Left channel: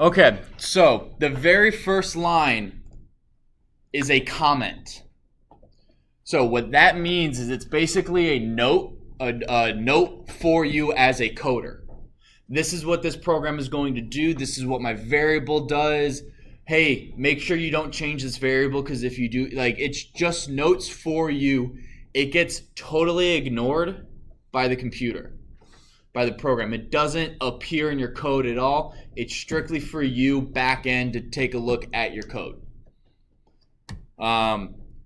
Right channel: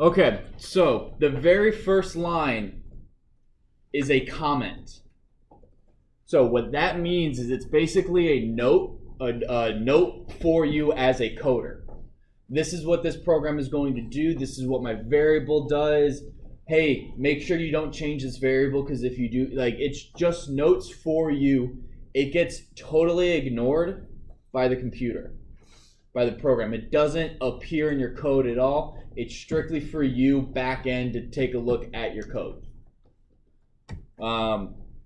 Okay, so the very first line is a comment. So what that means is it's basically a note for you as a coder. This is what this program is going to do. This is what my variable does. Hey, make sure you don't change this variable because if you do, like, it's just notes for you. It gets totally ignored by the computer, by the program. It doesn't appear in your code at all. It's strictly for you back end to take a look at your code.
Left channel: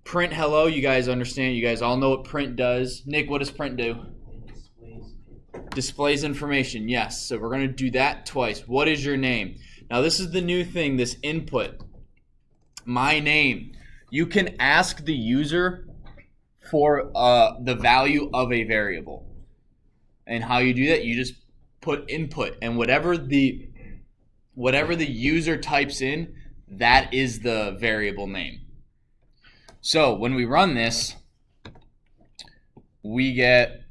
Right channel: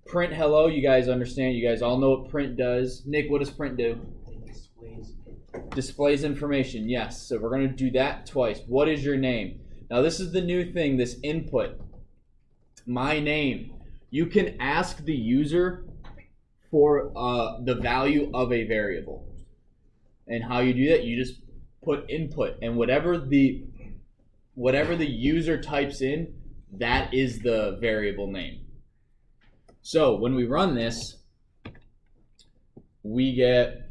Print hello, you guys understand. You guys all know what print does. Nick, what does print do? Displays information, yes. So we're going to do that twice. What is your name? Now this is the new thing, this input. My name. You can ask the user for the value of a variable. And how you do that, you just put input. And whatever the user types in, that is the variable name. So when we run this, we get,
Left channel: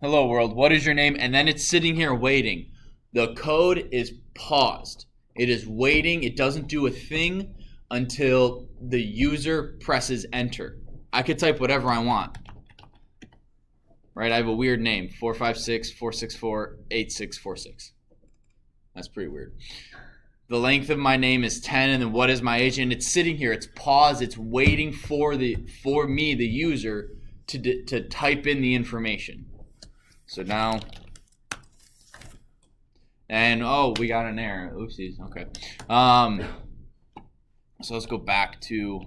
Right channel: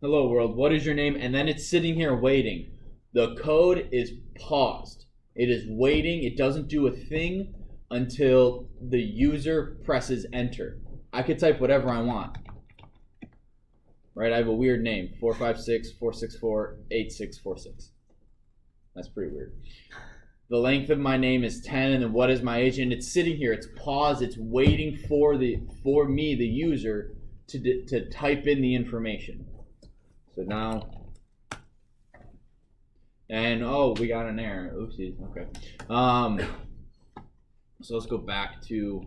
hello world, what is your name? And then it's sitting here waiting. The code is paused. It is waiting. It doesn't do a thing until the user presses enter. I could type whatever I want. Right, I have a weird name, 456-464-8646. That's pretty weird. The length of my name is 10, and then what is my age? And it's sitting here. It's paused. It's waiting for me, the user, to type in the information. So now, and oh, we got an error. Oopsies. Okay. So let's go back to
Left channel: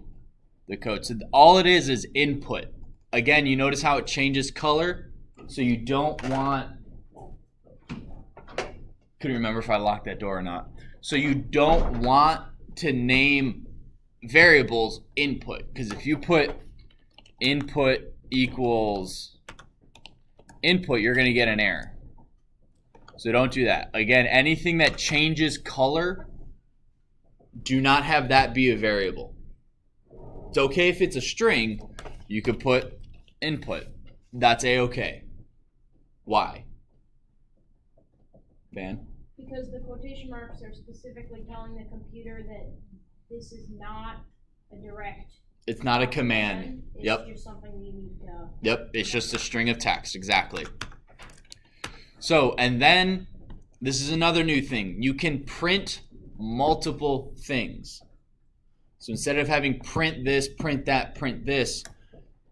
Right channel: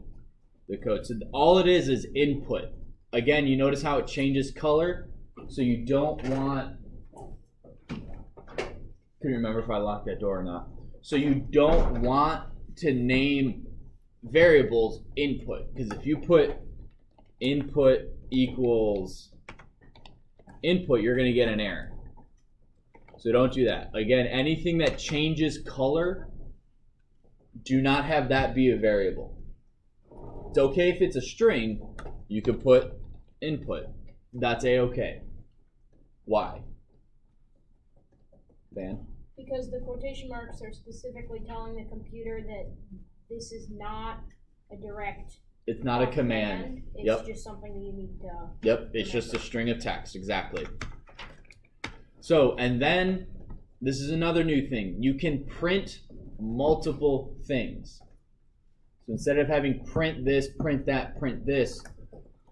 the code. So all it is input. Again, you notice how it changes color. So you don't want. Couldn't remember if I locked that door or not. So you don't want to name variables input, because if you put input equals input, you're going to get an error. So don't do that. Again, anything that changes color, do not have that be a variable. It's okay if it's a string, you could put input. That's a-okay. Why? Van? Because the quotation marks are specifically telling the computer that this is not a direct. It's not a command. It's just something that you need to. Yep, it's just a string of text, exactly. So, and then this is another new thing. You can print multiple things. So instead of having print this, print that, print this,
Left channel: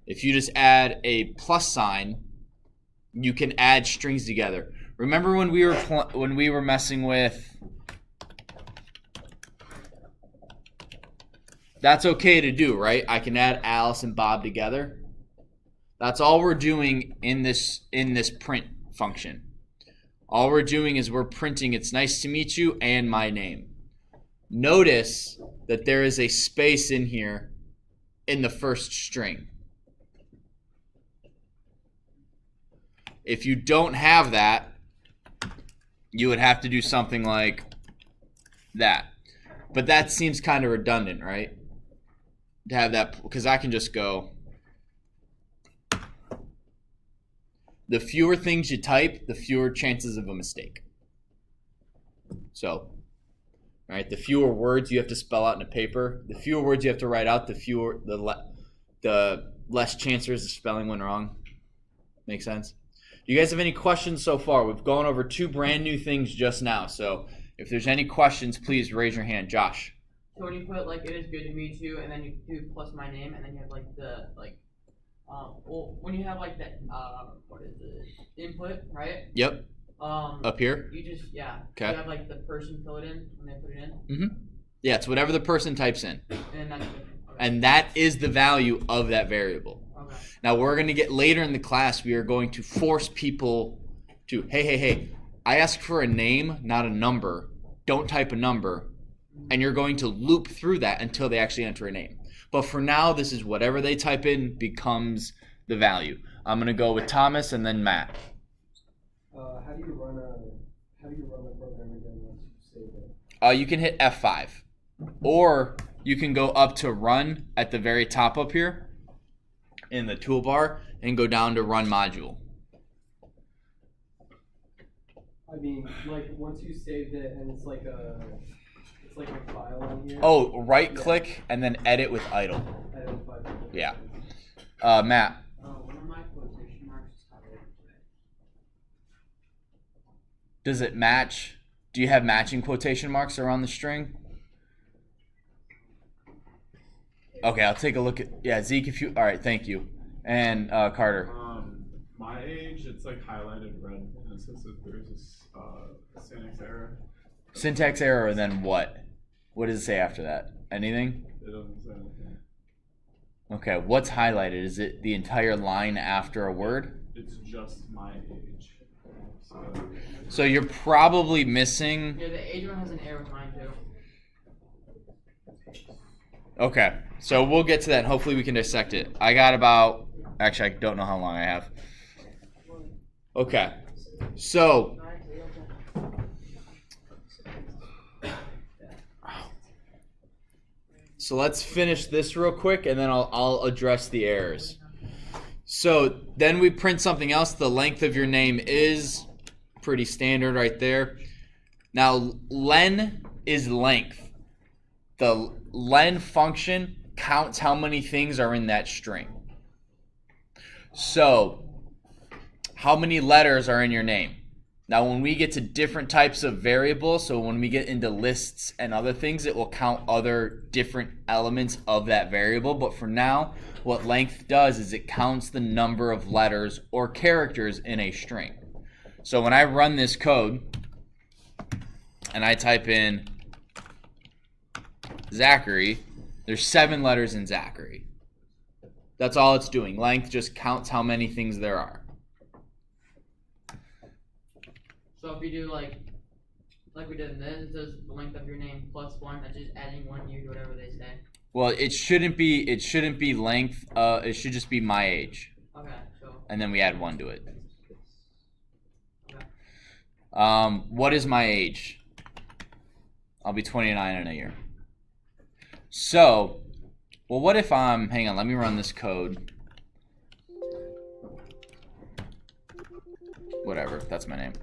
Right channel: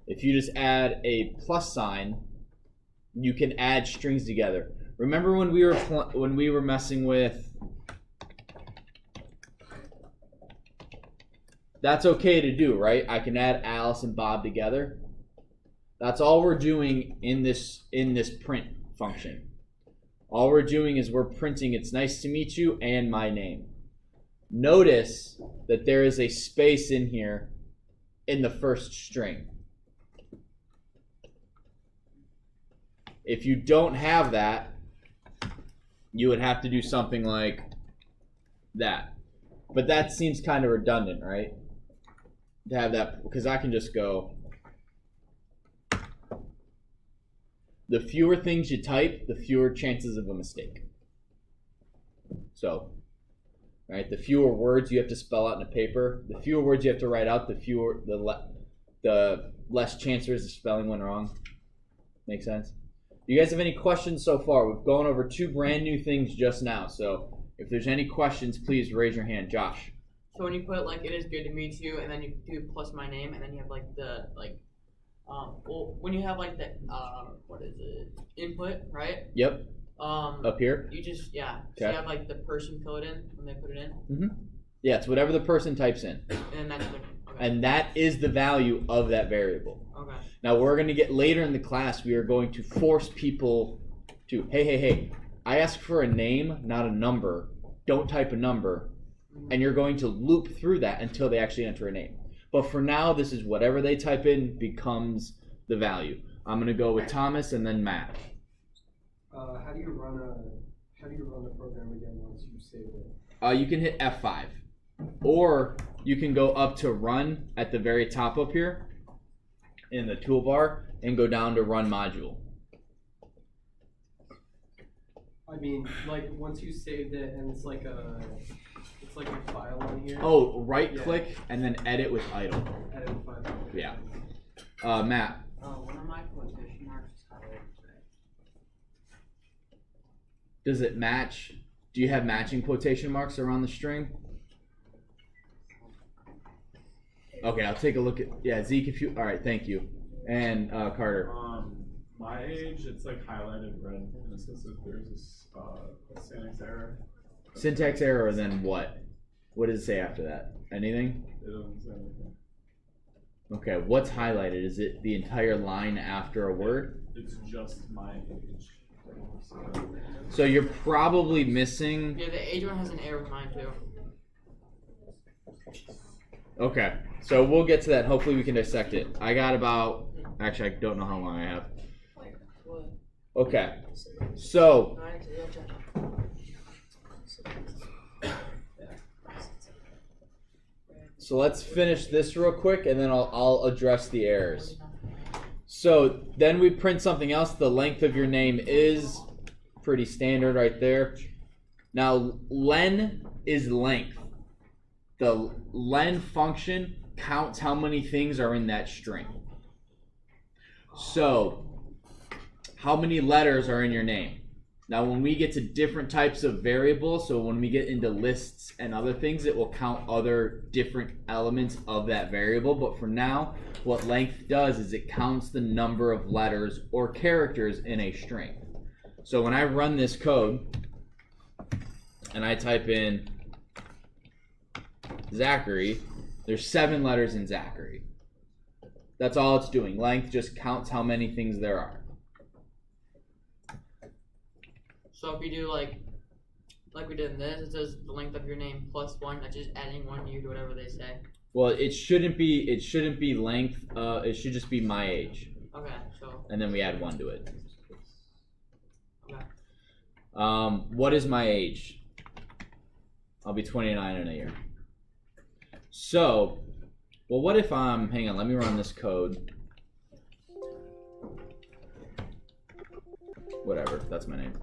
if you just add a plus sign, you can add strings together. Remember when we were messing with, that's okay to do, right? I can add Alice and Bob together. That's all we're doing in this print function. All we're doing is we're printing it's nice to meet you and my name. Notice that there is a space in here in the first string. If you don't have that, you would have to do something like that. But that seems kind of redundant, right? To have that, because I can just go. The fewer things you type, the fewer chances of a mistake. So, right, the fewer words you have to spell out in a paper, the fewer words you have to write out, the less chances of spelling one wrong. Make sense? Do you guys have any questions so far? We've gone over two brand new things just now. So if there's any questions, please raise your hand. Josh. So when you put like it is good to meet you, and then you do plus my name, and then you have like the when you have like the what is it, input, right? Yep. Up here. You just Okay. So you have like the person code in when they put it in. Mm-hmm. Yeah, it's whatever the person types in. And that's okay. And that is the value of that variable. Okay. Now we're going to get later in the class, we are going to force people to, hey, I asked for a name, not a number. Don't type a number. And you're going to loop through that until they actually enter a name. But for now, this is whatever they type in becomes the value. I'm going to go with Thomas and then Matt. How do you run the program again once you save it? You can hit F5. Or you can go up to run at the very top up here in the toolbar and go down to run module. I mean, like once you saved it and it's like a file on here. Oh, right click and then edit with idle. Edit file. Yeah. Matt. One of my quotation marks is highlighted today. Does it match? Do you have matching quotation marks that are on the string? Okay, I'll take a look at. Yeah, Zeke, if you. All right, thank you. And Carter. My age, it's like highlighted red, and it says that there's this a syntax error. Syntax error, and then what? What does it say after that? Anything? It doesn't say anything. Okay, what's highlighted? Is it the entire line after a word? It's just my age. So you're probably missing. Yeah, the age one has an error with mine too. Okay, so we'll get to that. Hopefully we can dissect it. I got about. Actually, I don't know how long I have. Okay, so. So let's finish this real quick, and then I'll address the errors. So then we print something else. The length of your name is pretty standard right there. Now len is length. The len function counts how many things are in that string. So how many letters are in your name? Now when we get to different types of variables, so when we get into lists and other things, it will count other different elements of that variable. But for now, what length does is it counts the number of letters or characters in a string. So when I run this code and I type in Zachary, there's 7 letters in Zachary. That's all it's doing. Length just counts how many things there are. So if you do like we did in this, it says the length of your name plus 1. That's just adding 1 year to whatever they say. Well, it shouldn't be length. It should just be my age. Okay, so. And then we add 1 to it. Okay. What is my age? I'll be 29 in a year. So, well, what if hang on, let me run this code. Whatever, that's my name.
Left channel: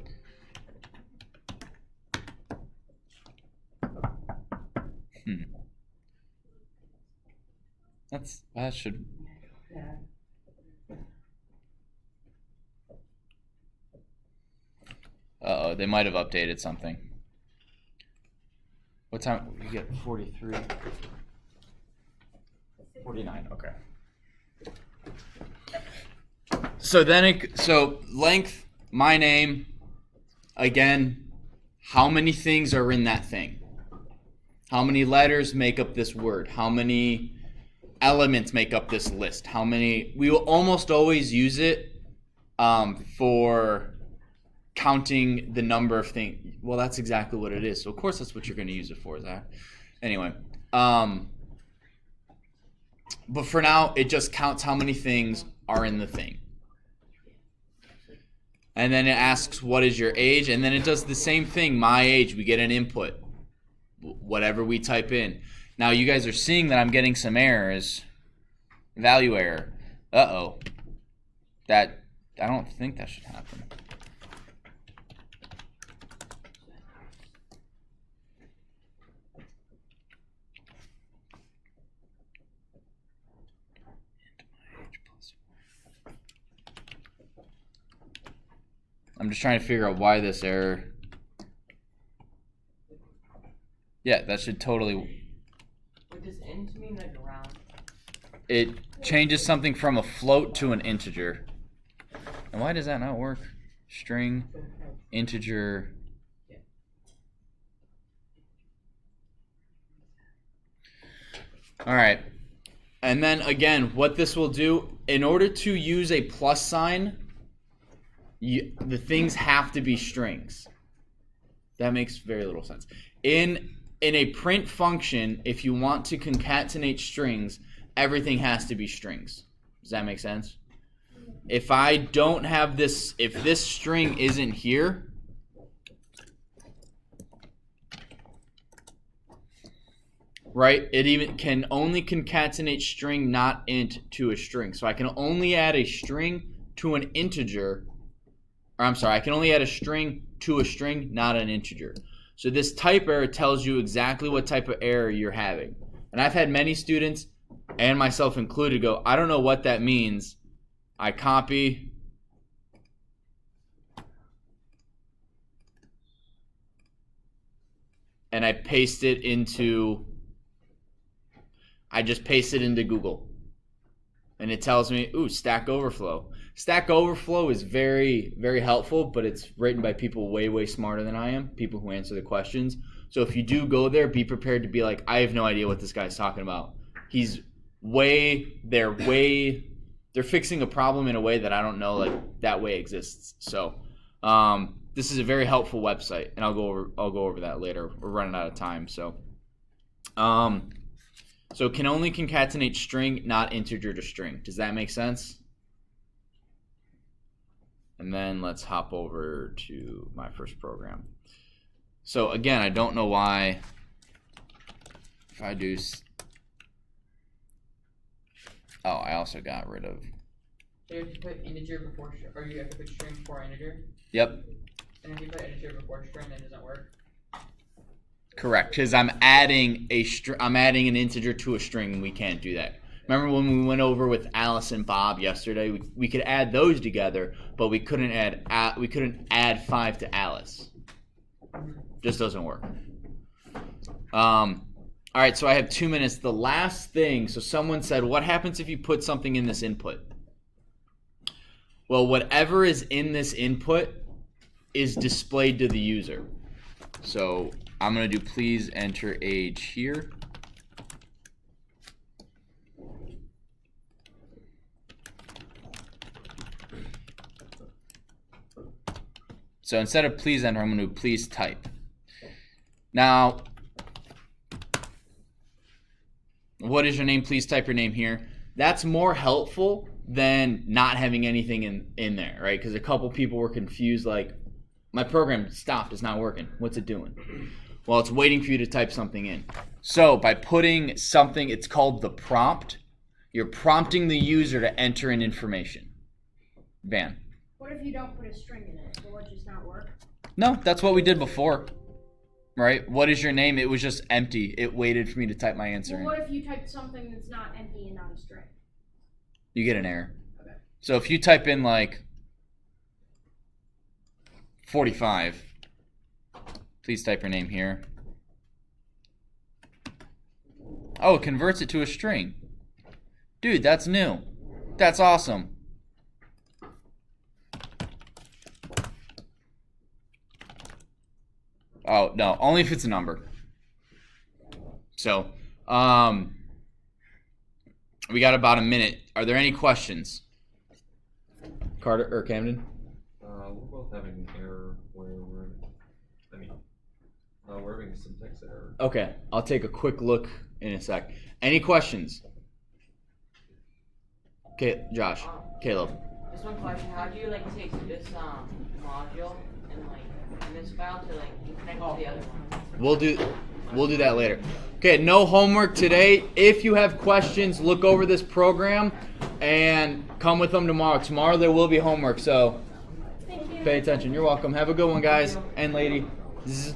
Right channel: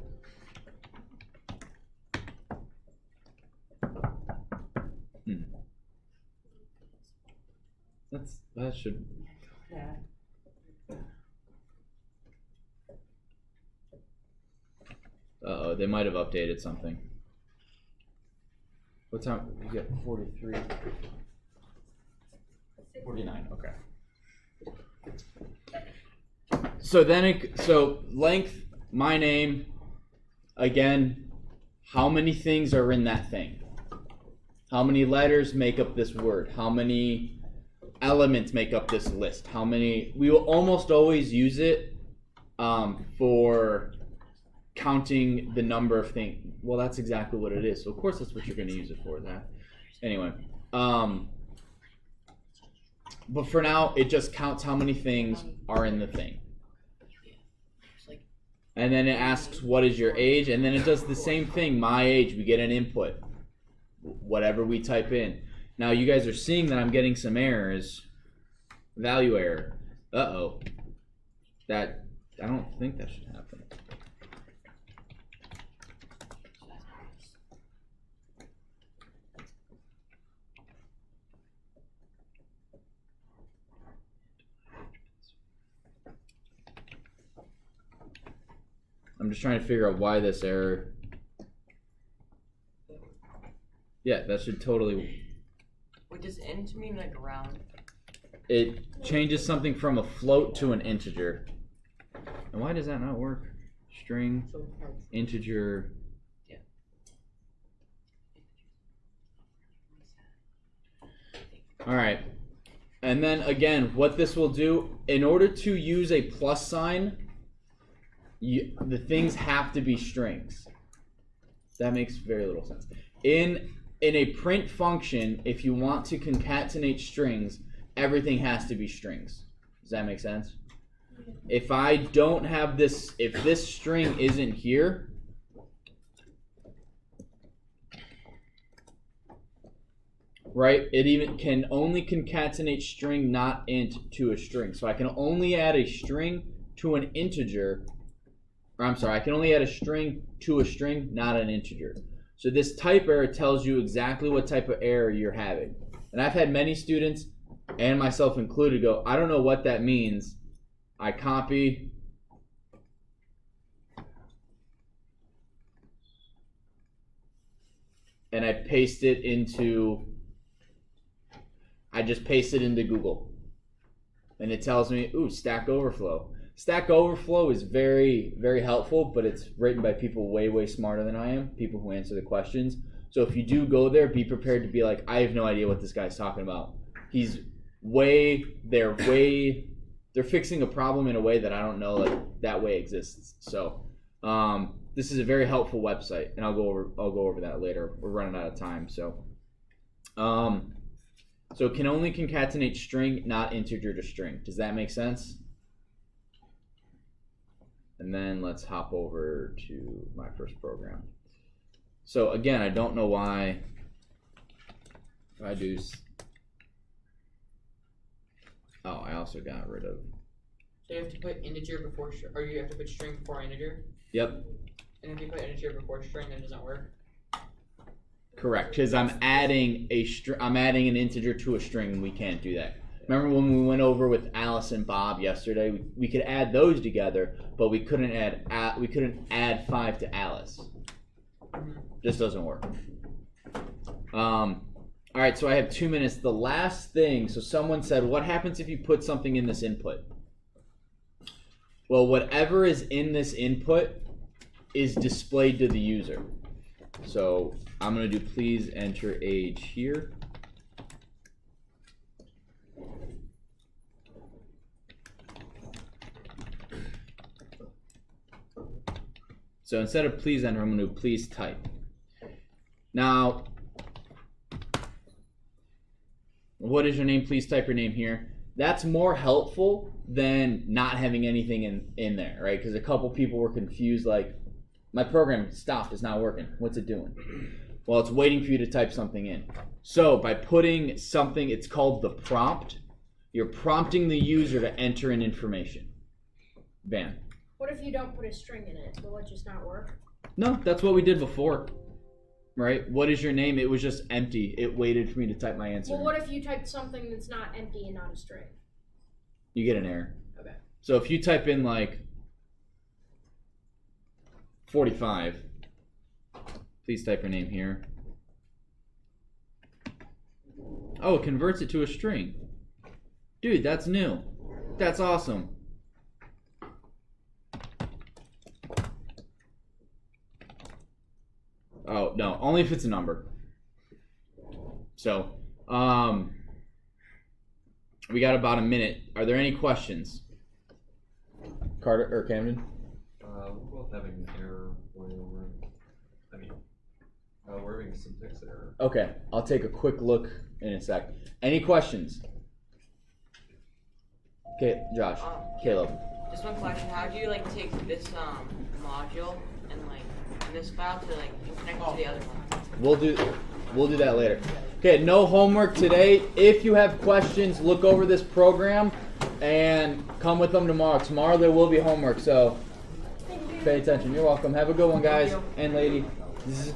That should. Uh-oh, they might have updated something. What time? You get 43. 49, okay. So then, so length, my name, again, how many things are in that thing? How many letters make up this word? How many elements make up this list? How many? We will almost always use it for counting the number of things. Well, that's exactly what it is. So of course that's what you're going to use it for, Zach. Anyway, but for now, it just counts how many things are in the thing. And then it asks, what is your age? And then it does the same thing, my age. We get an input, whatever we type in. Now you guys are seeing that I'm getting some errors. Value error. Uh-oh. I don't think that should happen. I'm just trying to figure out why this error. Yeah, that should totally. What does int mean, like round? It changes something from a float to an integer. And why does that not work? String, integer. Yeah. All right. And then again, what this will do, in order to use a plus sign, the things have to be strings. That makes very little sense. In a print function, if you want to concatenate strings, everything has to be strings. Does that make sense? If I don't have this, if this string isn't here, right, it even can only concatenate string, not int, to a string. So I can only add a string to an integer or I'm sorry, I can only add a string to a string, not an integer. So this type error tells you exactly what type of error you're having. And I've had many students, and myself included, go, I don't know what that means. I copy and I paste it into, I just paste it into Google. And it tells me, ooh, Stack Overflow. Stack Overflow is very, very helpful, but it's written by people way, way smarter than I am, people who answer the questions. So if you do go there, be prepared to be like, I have no idea what this guy's talking about. They're fixing a problem in a way that I don't know like that way exists. So this is a very helpful website, and I'll go over that later. We're running out of time. So it can only concatenate string, not integer to string. Does that make sense? And then let's hop over to my first program. So again, I don't know why, if I do, oh, I also got rid of. So you have to put integer before, or you have to put string before integer? Yep. And if you put integer before string, that doesn't work? Correct, because I'm adding an integer to a string, and we can't do that. Remember when we went over with Alice and Bob yesterday? We could add those together, but we couldn't add 5 to Alice. Just doesn't work. All right, so I have 2 minutes. The last thing, so someone said, what happens if you put something in this input? Well, whatever is in this input is displayed to the user. So I'm going to do please enter age here. So instead of please enter, I'm going to do please type. Now, what is your name? Please type your name here. That's more helpful than not having anything in there, right? Because a couple people were confused, like, my program stopped, it's not working. What's it doing? Well, it's waiting for you to type something in. So by putting something, it's called the prompt. You're prompting the user to enter in information. Van. What if you don't put a string in it? Will it just not work? No, that's what we did before. Right? What is your name? It was just empty. It waited for me to type my answer Well, in. what if you typed something that's not empty and not a string? You get an error. Okay. So if you type in like 45, please type your name here. Oh, it converts it to a string. Dude, that's new. That's awesome. Oh, no, only if it's a number. So, we got about a minute. Are there any questions? Carter or Camden? We're both having an error where we're having a syntax error. Okay, I'll take a quick look in a sec. Any questions? Okay, Josh, Caleb. Just one question: how do you like take this module and like this file to like connect to the other one? We'll do that later. Okay, no homework today. If you have questions, look over this program and come with them tomorrow. Tomorrow there will be homework, so pay attention. You're welcome. Have a good one, guys and lady. Zzz.